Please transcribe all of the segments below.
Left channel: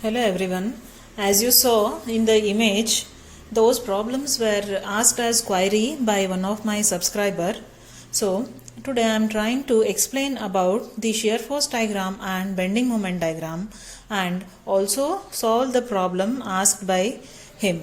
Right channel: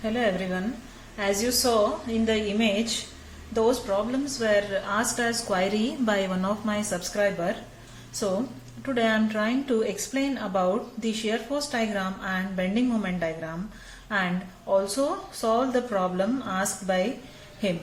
Hello everyone. As you saw in the image, those problems were asked as query by one of my subscriber. So today I am trying to explain about the shear force diagram and bending moment diagram and also solve the problem asked by him.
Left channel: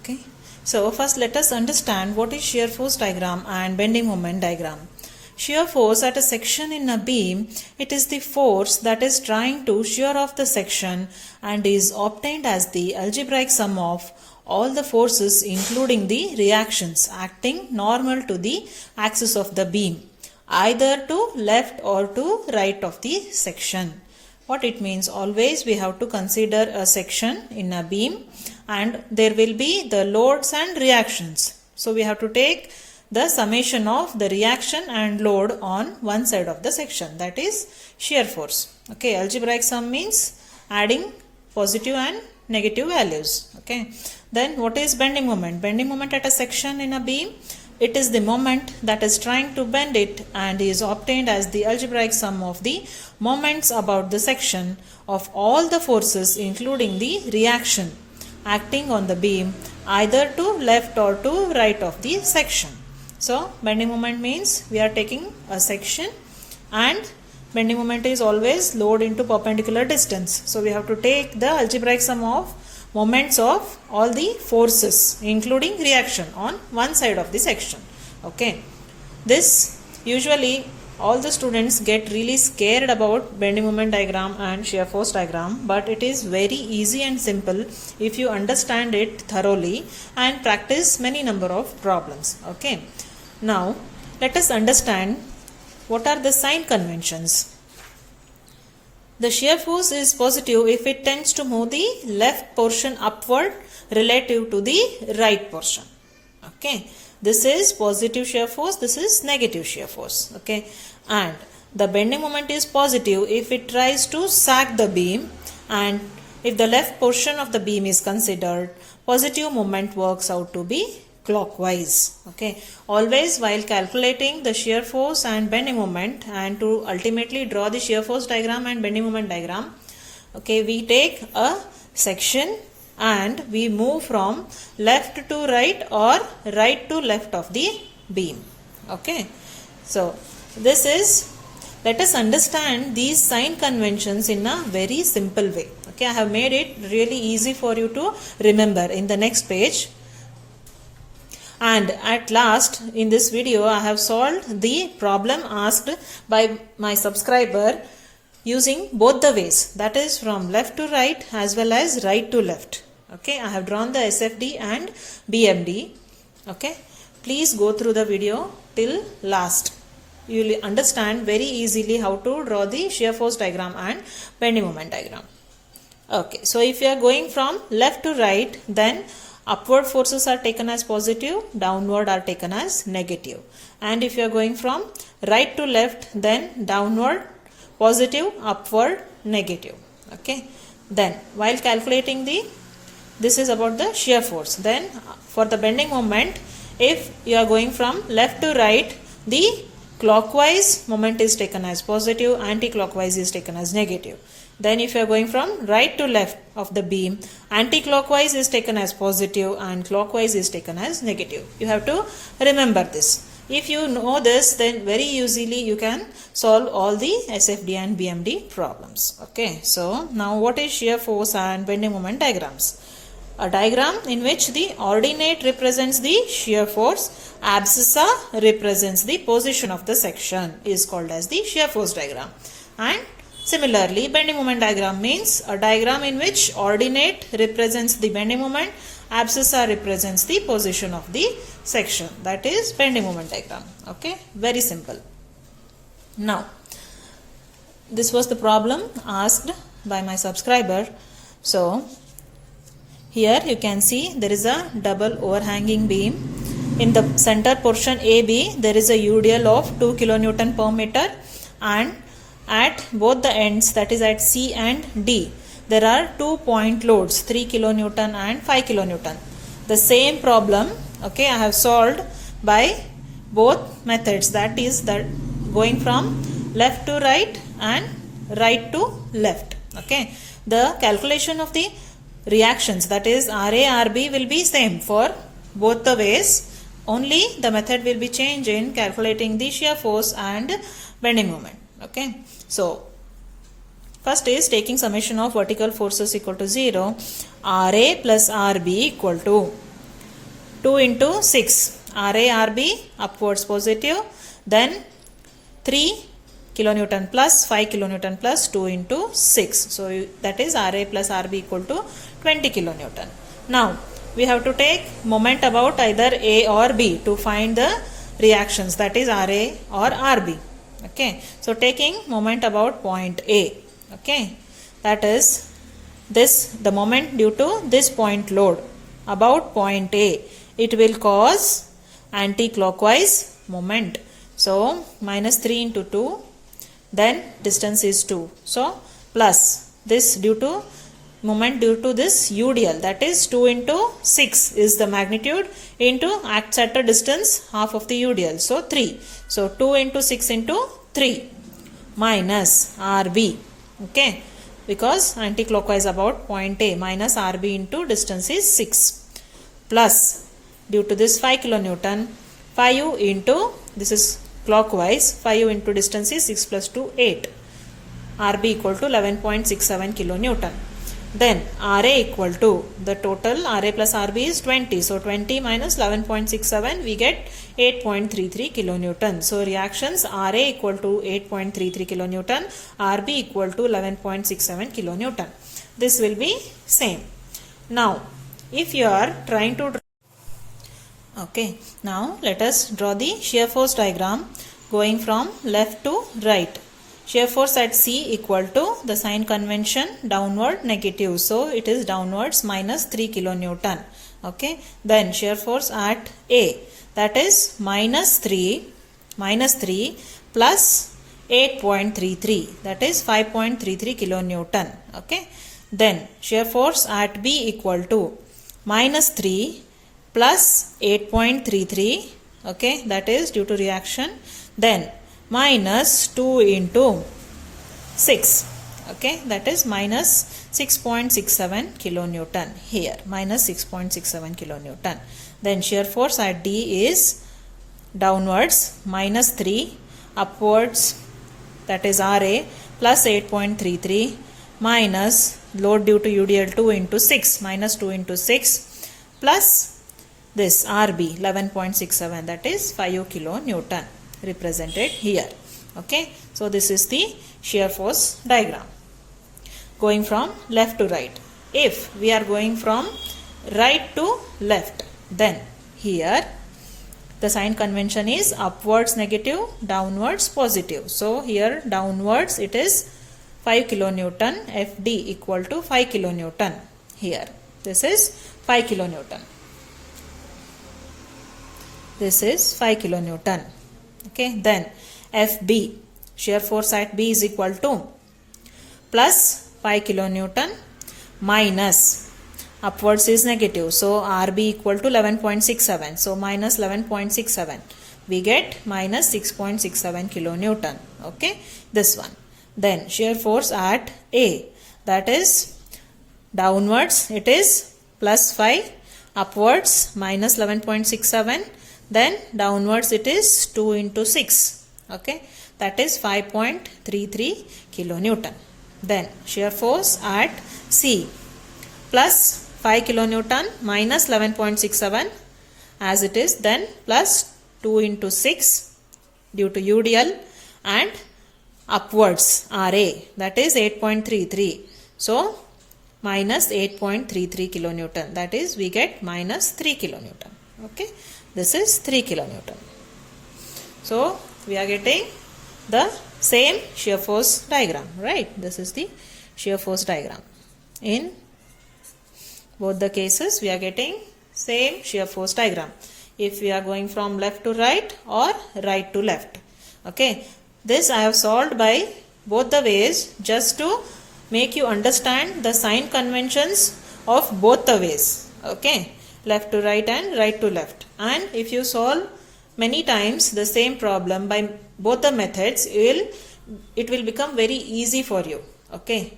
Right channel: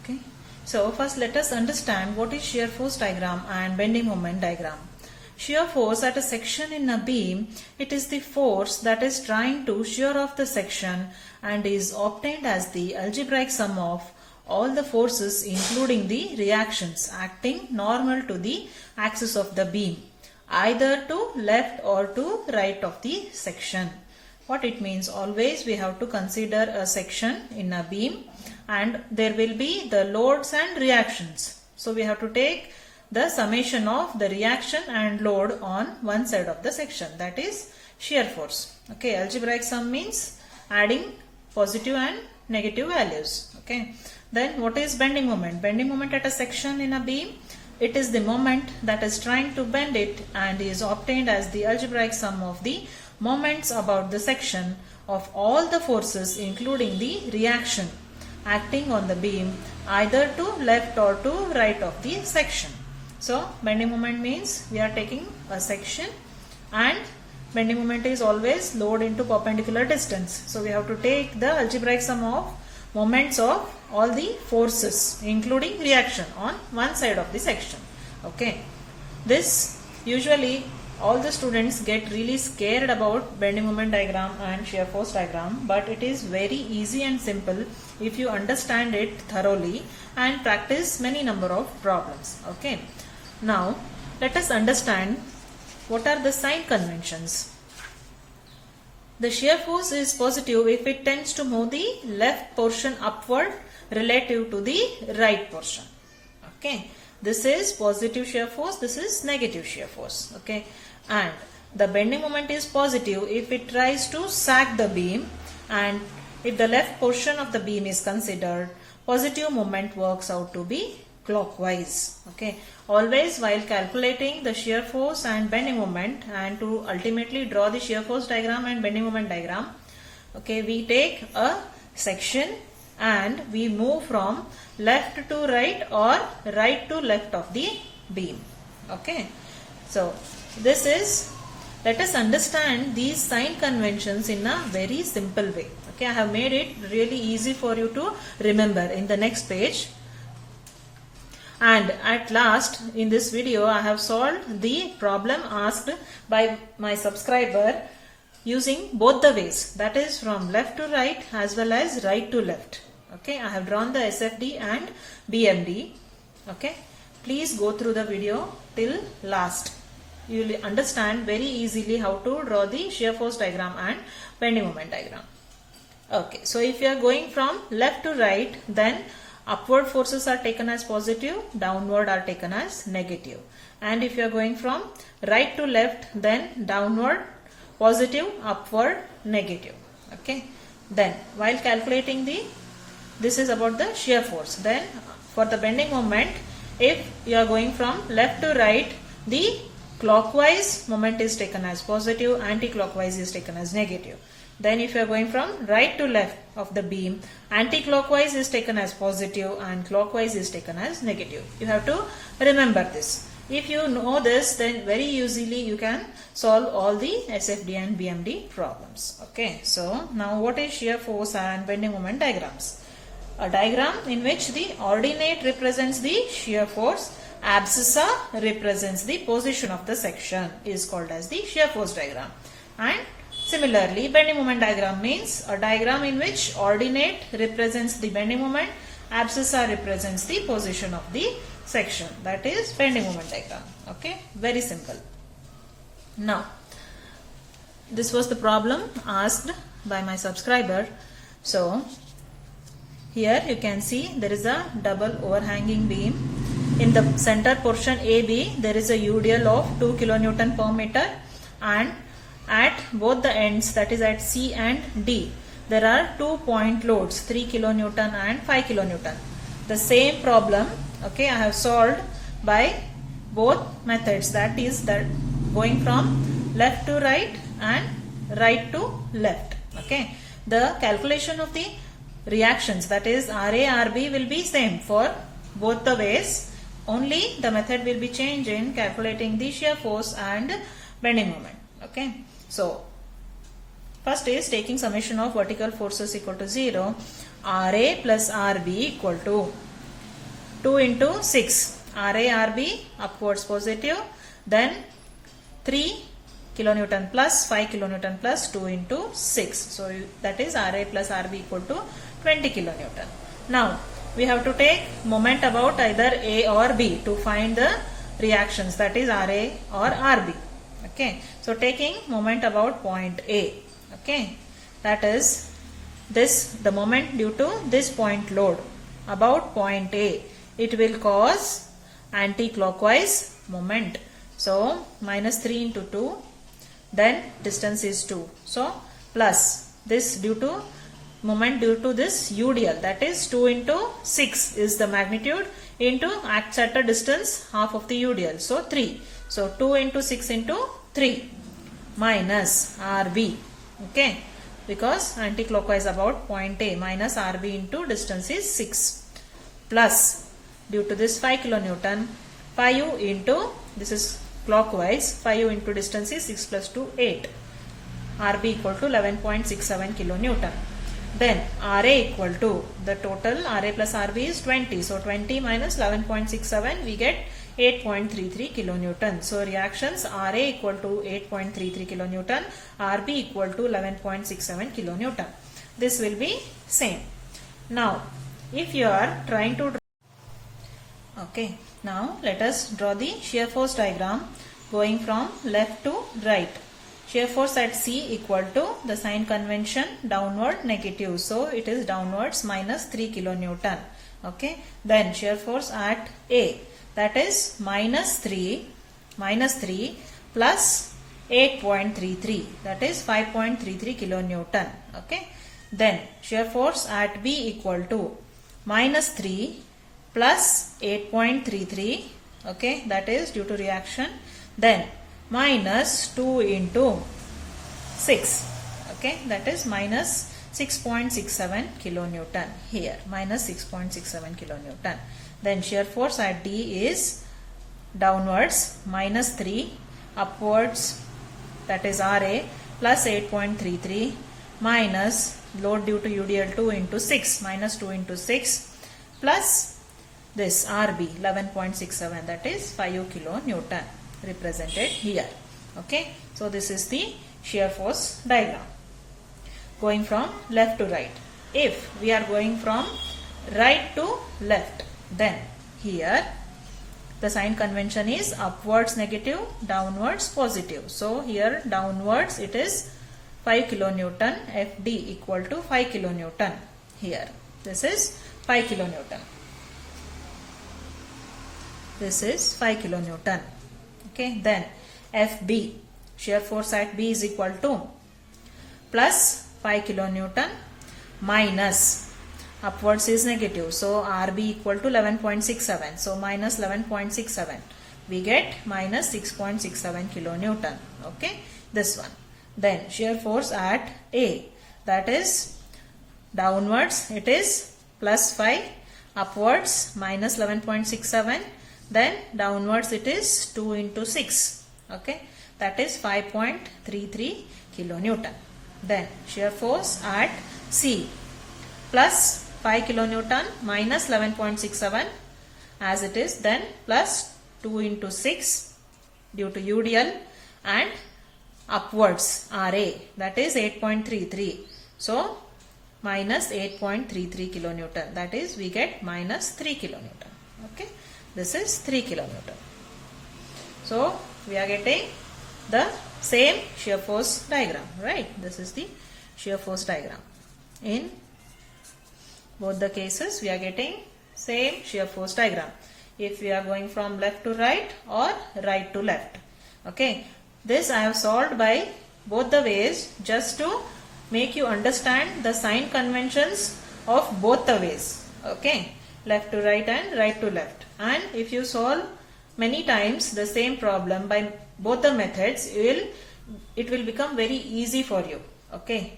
Okay. So first let us understand what is shear force diagram and bending moment diagram. Shear force at a section in a beam, it is the force that is trying to shear off the section and is obtained as the algebraic sum of all the forces including the reactions acting normal to the axis of the beam, either to left or to right of the section. What it means, always we have to consider a section in a beam and there will be the loads and reactions. So we have to take the summation of the reaction and load on one side of the section, that is shear force. Okay, algebraic sum means adding positive and negative values. Okay, then what is bending moment? Bending moment at a section in a beam, it is the moment that is trying to bend it and is obtained as the algebraic sum of the moments about the section of all the forces including the reaction acting on the beam either to left or to right of the section. So bending moment means we are taking a section and bending moment is always load into perpendicular distance. So we have to take the algebraic sum of moments of all the forces including reaction on one side of the section. Okay. This usually all the students get really scared about bending moment diagram and shear force diagram, but it is very easy and simple if you understand it thoroughly and practice many number of problems. Okay. Now, let us understand what are the sign conventions. The shear force is positive if it tends to move the left portion upward relative to the right portion. Okay, this is positive shear force, this is negative shear force. Okay, and the bending moment is positive if it tries to sag the beam, and if the left portion of the beam is considered, positive moment works out to be clockwise. Okay, always while calculating the shear force and bending moment and to ultimately draw the shear force diagram and bending moment diagram, okay, we take a section and we move from left to right or right to left of the beam. Okay, so this is, let us understand these sign conventions in a very simple way. Okay, I have made it really easy for you to remember in the next page. And at last in this video I have solved the problem asked by my subscriber using both the ways, that is from left to right as well as right to left. Okay, I have drawn the SFD and BMD. Okay, please go through the video till last. You will understand very easily how to draw the shear force diagram and bending moment diagram. Okay, so if you are going from left to right, then upward forces are taken as positive, downward are taken as negative. And if you are going from right to left, then downward positive, upward negative. Okay. Then while calculating this is about the shear force. Then for the bending moment, if you are going from left to right, the clockwise moment is taken as positive, anti-clockwise is taken as negative. Then if you are going from right to left of the beam, anti-clockwise is taken as positive and clockwise is taken as negative. You have to remember this. If you know this, then very easily you can solve all the SFD and BMD problems. Okay, so now what is shear force and bending moment diagrams? A diagram in which the ordinate represents the shear force, abscissa represents the position of the section is called as the shear force diagram. And similarly, bending moment diagram means a diagram in which ordinate represents the bending moment, abscissa represents the position of the section, that is bending moment diagram. Okay, very simple. Now, this was the problem asked by my subscriber. So, here you can see there is a double overhanging beam. In the center portion AB, there is a UDL of 2 kN per meter, and at both the ends, that is at C and D, there are 2 point loads, 3 kN and 5 kN. The same problem, okay, I have solved by both methods, that is that going from left to right and right to left. Okay, the calculation of the reactions, that is RA, RB, will be same for both the ways. Only the method will be changed in calculating the shear force and bending moment. Okay. So first is taking summation of vertical forces equal to 0. RA plus RB equal to 2 into 6. RA, RB upwards positive. Then 3 kilonewton plus 5 kilonewton plus 2 into 6. So that is RA plus RB equal to 20 kilonewton. Now we have to take moment about either A or B to find the reactions, that is RA or RB. Okay. So taking moment about point A. Okay. That is the moment due to this point load about point A. It will cause anti-clockwise moment. So minus 3 into 2. Then distance is 2. So plus this due to moment due to this UDL, that is 2 into 6 is the magnitude into acts at a distance half of the UDL. So 3. So 2 into 6 into 3 minus RB. Okay. Because anti-clockwise about point A minus RB into distance is 6 plus due to this 5 kilonewton 5 into this is clockwise 5 into distance is 6 plus 2 8. RB equal to 11.67 kilonewton. Then RA equal to the total RA plus RB is 20. So 20 minus 11.67 we get 8.33 kilonewton. So reactions RA equal to 8.33 kilonewton, RB equal to 11.67 kilonewton. This will be same. Now if you are trying to okay, now let us draw the shear force diagram going from left to right. Shear force at C equal to the sign convention downward negative. So it is downwards minus 3 kilonewton. Okay. Then shear force at A, that is minus 3 plus 8.33, that is 5.33 kilonewton. Okay. Then shear force at B equal to minus 3 plus 8.33. Okay. That is due to reaction. Then minus 2 into 6. Okay, that is minus 6.67 kilonewton here, minus 6.67 kilonewton. Then shear force at D is downwards minus 3, upwards that is RA plus 8.33 minus load due to UDL 2 into 6, minus 2 into 6 plus this RB 11.67, that is 5 kilonewton represented here. Okay, so this is the shear force diagram going from left to right. If we are going from right to left, then here the sign convention is upwards negative, downwards positive. So here downwards it is 5 kilonewton, FD equal to 5 kilonewton. Here this is 5 kilonewton. This is 5 kilonewton. Okay, then FB, shear force at B is equal to plus 5 kilonewton minus upwards is negative. So RB equal to 11.67. So minus 11.67. We get minus 6.67 kilonewton. Okay, this one. Then shear force at A, that is downwards it is plus 5, upwards minus 11.67. Then downwards it is 2 into 6. Okay, that is 5.33 kilonewton. Then shear force at C plus 5 kilonewton minus 11.67 as it is, then plus 2 into 6 due to UDL and upwards RA, that is 8.33. So minus 8.33 kilonewton, that is we get minus 3 kilonewton. Okay, this is 3 kilonewton. So we are getting the same shear force diagram, right? This is the shear force diagram. In both the cases we are getting same shear force diagram if we are going from left to right or right to left. Okay, this I have solved by both the ways just to make you understand the sign conventions of both the ways. Okay, left to right and right to left. And if you solve many times the same problem by both the methods, it will become very easy for you. Okay.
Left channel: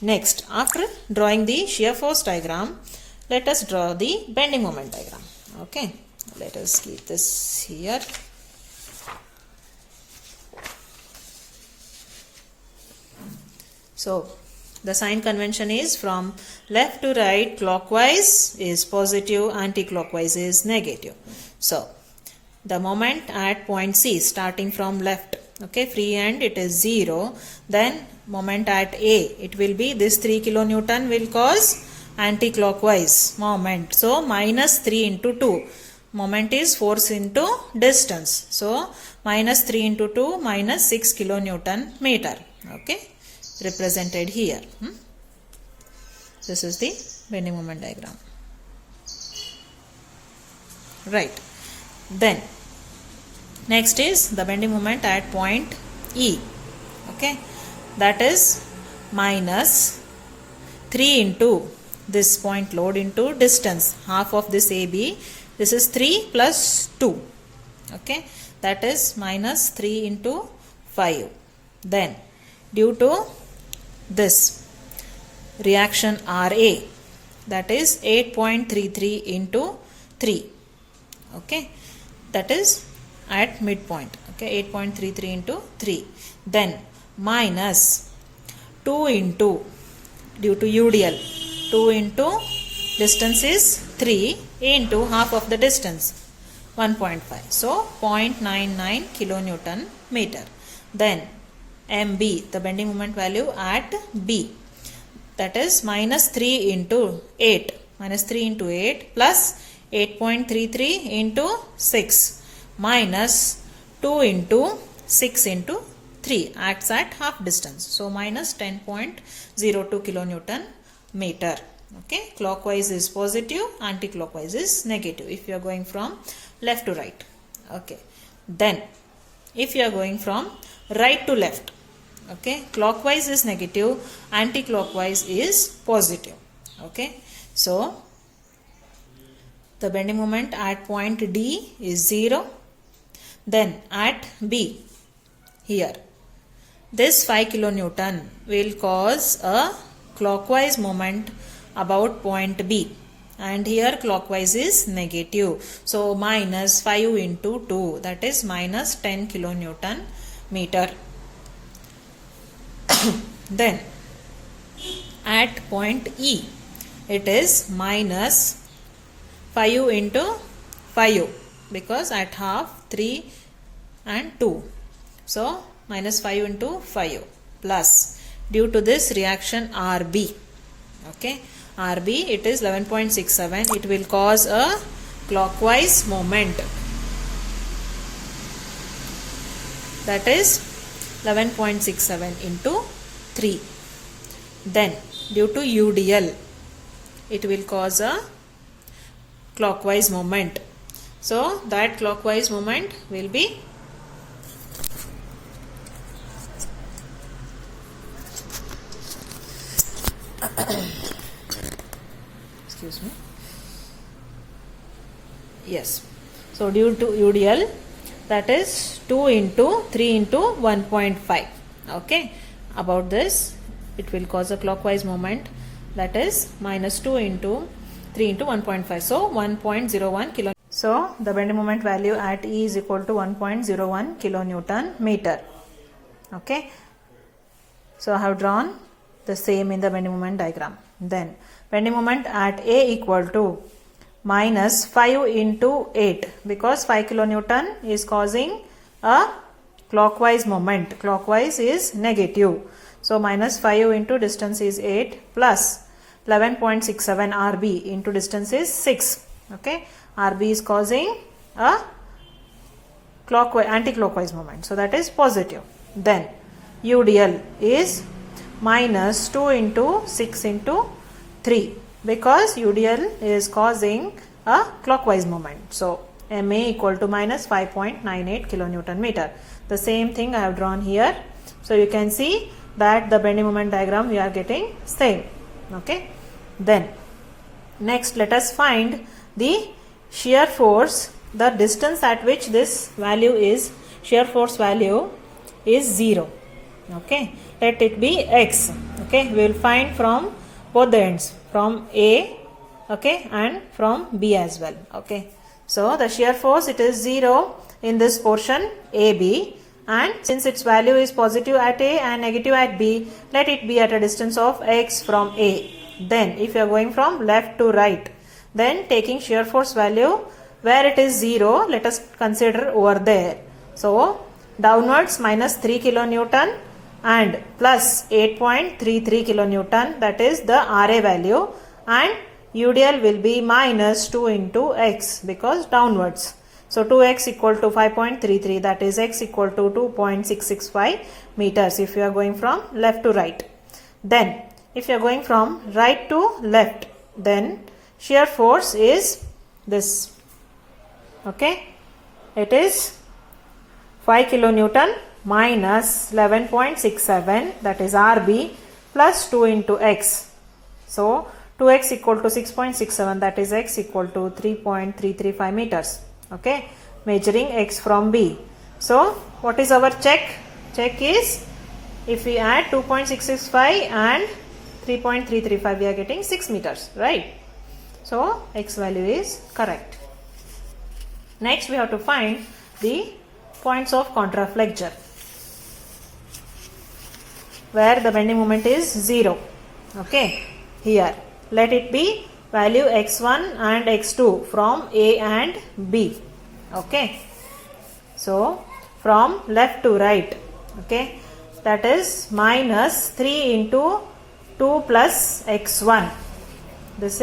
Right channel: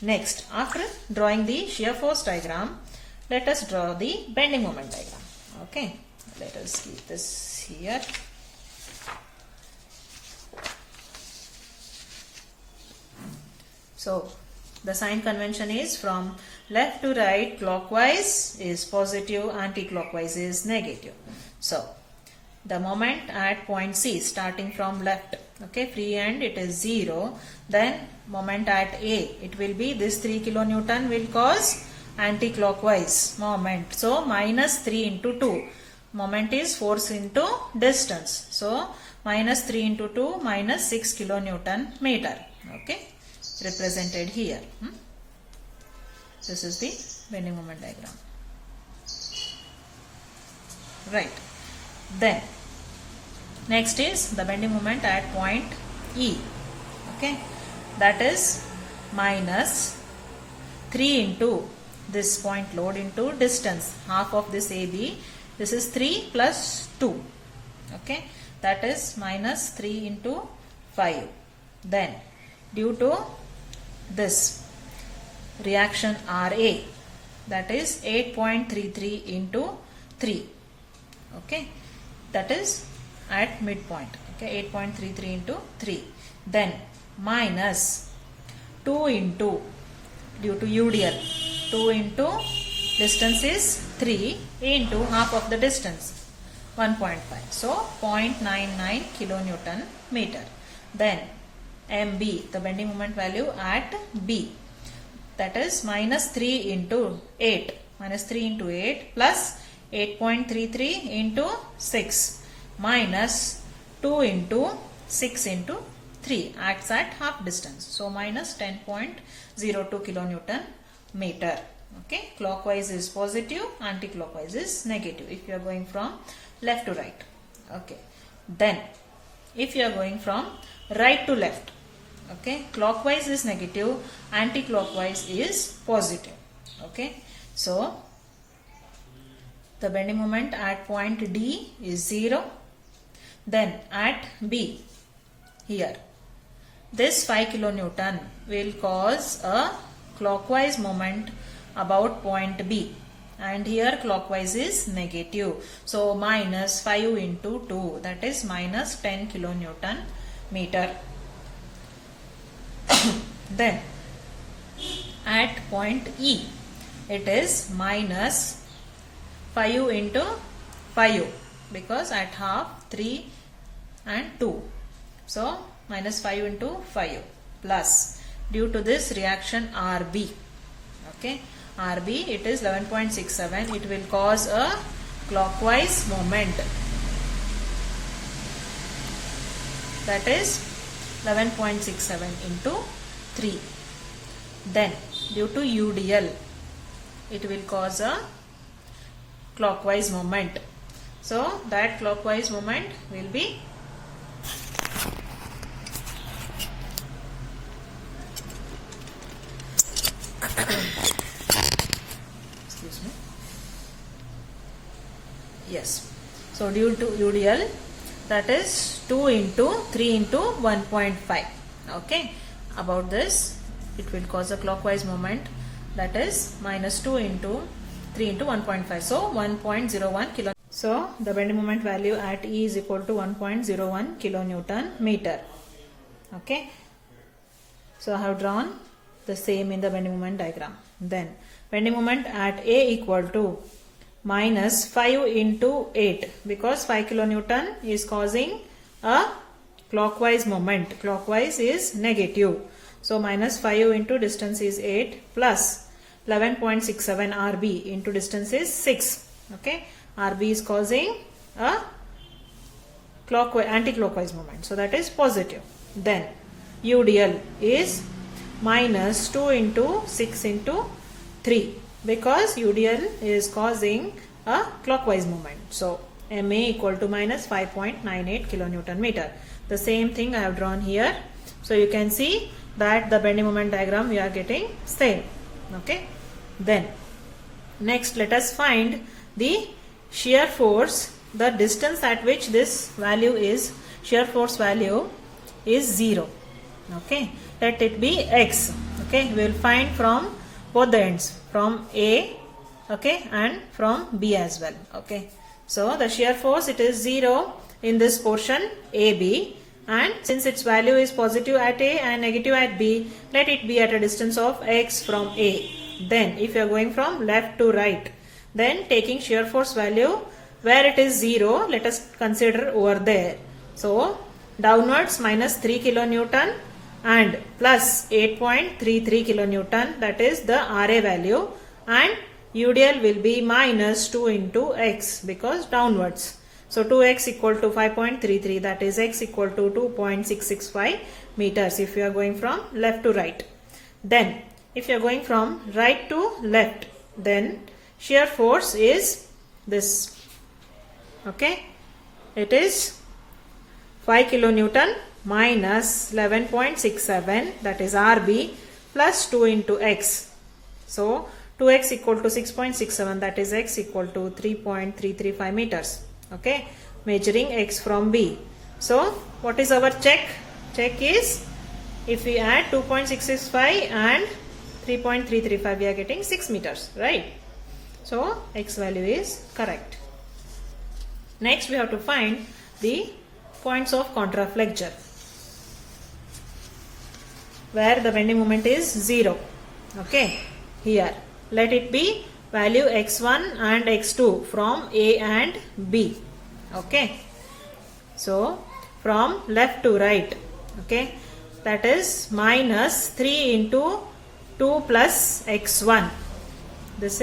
Next, after drawing the shear force diagram, let us draw the bending moment diagram. Okay, let us keep this here. So, the sign convention is from left to right, clockwise is positive, anti-clockwise is negative. So, the moment at point C starting from left, okay, free hand it is 0. Then moment at A, it will be this 3 kilonewton will cause anti-clockwise moment. So, minus 3 into 2. Moment is force into distance. So, minus 3 into 2 minus 6 kilonewton meter. Okay, represented here. This is the bending moment diagram. Right. Then, next is the bending moment at point E. Okay, that is minus 3 into this point load into distance, half of this AB. This is 3 plus 2. Okay, that is minus 3 into 5. Then, due to this reaction RA, that is 8.33 into 3. Okay, that is at midpoint. Okay, 8.33 into 3. Then minus 2 into, due to UDL, 2 into distance is 3 into half of the distance, 1.5. So 0.99 kilonewton meter. Then MB, the bending moment value at B, that is minus 3 into 8, minus 3 into 8 plus 8.33 into 6 minus 2 into 6 into 3 acts at half distance. So minus 10.02 kilonewton meter. Okay, clockwise is positive, anti-clockwise is negative if you are going from left to right. Okay, then if you are going from right to left, okay, clockwise is negative, anti-clockwise is positive. Okay, so the bending moment at point D is 0. Then at B, here, this 5 kilonewton will cause a clockwise moment about point B, and here clockwise is negative. So minus 5 into 2, that is minus 10 kilonewton meter. Then at point E, it is minus 5 into 5, because at half 3 and 2. So minus 5 into 5 plus, due to this reaction RB. Okay, RB, it is 11.67. It will cause a clockwise moment. That is 11.67 into 3. Then due to UDL, it will cause a clockwise moment. So that clockwise moment will be excuse me. Yes. So due to UDL, that is 2 into 3 into 1.5. Okay. About this, it will cause a clockwise moment, that is minus 2 into 3 into 1.5. So 1.01 kilo. So the bending moment value at E is equal to 1.01 kilonewton meter. Okay. So I have drawn the same in the bending moment diagram. Then bending moment at A equal to minus 5 into 8, because 5 kilonewton is causing a clockwise moment. Clockwise is negative. So minus 5 into distance is 8 plus 11.67 RB into distance is 6. Okay. RB is causing a clockwise, anti-clockwise moment. So that is positive. Then UDL is minus 2 into 6 into 3, because UDL is causing a clockwise moment. So MA equal to minus 5.98 kilonewton meter. The same thing I have drawn here. So you can see that the bending moment diagram we are getting same. Okay. Then next let us find the shear force, the distance at which this value is, shear force value is 0. Okay. Let it be x. Okay, we will find from both the ends, from A, okay, and from B as well. Okay, so the shear force, it is 0 in this portion AB, and since its value is positive at A and negative at B, let it be at a distance of x from A. Then if you are going from left to right, then taking shear force value where it is 0, let us consider over there. So downwards minus 3 kilonewton and plus 8.33 kilonewton, that is the RA value, and UDL will be minus 2 into x because downwards. So 2x equal to 5.33, that is x equal to 2.665 meters if you are going from left to right. Then if you are going from right to left, then shear force is this. Okay, it is 5 kilonewton minus 11.67, that is RB, plus 2 into x. So 2x equal to 6.67, that is x equal to 3.335 meters. Okay, measuring x from B. So what is our check? Check is, if we add 2.665 and 3.335, we are getting 6 meters, right? So x value is correct. Next we have to find the points of contraflexure where the bending moment is 0. Okay, here let it be value x1 and x2 from A and B. Okay, so from left to right, okay, that is minus 3 into 2 plus x1. This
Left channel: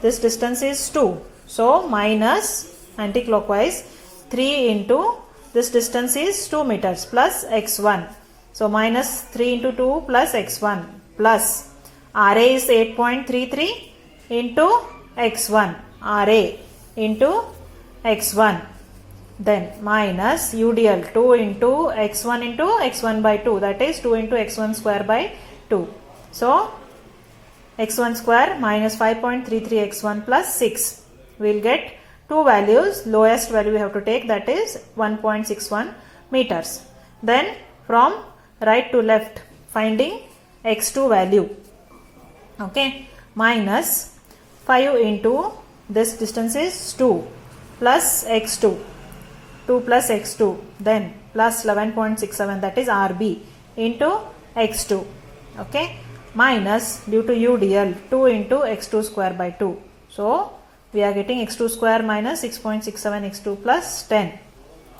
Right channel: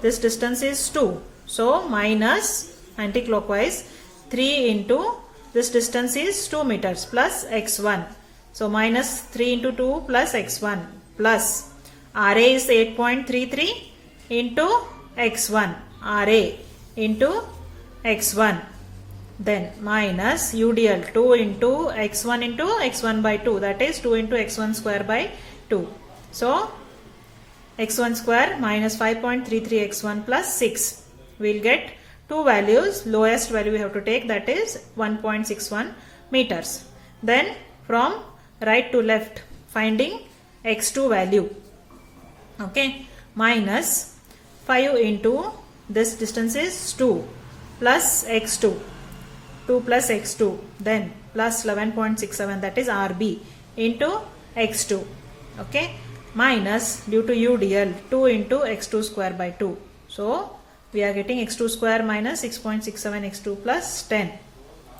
distance is 2. So minus anti-clockwise 3 into this distance is 2 meters plus x1. So minus 3 into 2 plus x1 plus RA is 8.33 into x1. RA into x1. Then minus UDL 2 into x1 by 2, that is 2 into x1 square by 2. So x1 square minus 5.33 x1 plus 6. We will get two values. Lowest value we have to take, that is 1.61 meters. Then from right to left, finding x2 value. Okay, minus 5 into this distance is 2 plus x2. 2 plus x2, then plus 11.67, that is RB into x2. Okay, minus due to UDL 2 into x2 square by 2. So we are getting x2 square minus 6.67 x2 plus 10.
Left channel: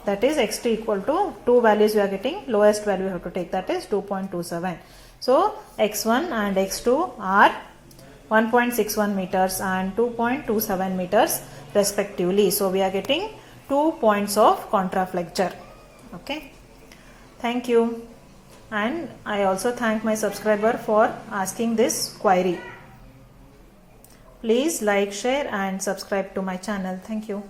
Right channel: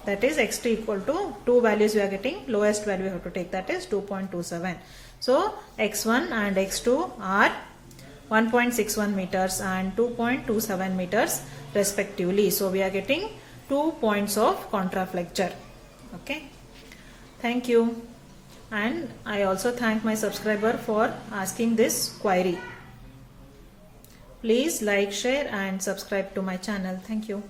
That is x2 equal to two values we are getting. Lowest value we have to take, that is 2.27. So x1 and x2 are 1.61 meters and 2.27 meters respectively. So we are getting 2 points of contraflexure. Okay, thank you. And I also thank my subscriber for asking this query. Please like, share and subscribe to my channel. Thank you.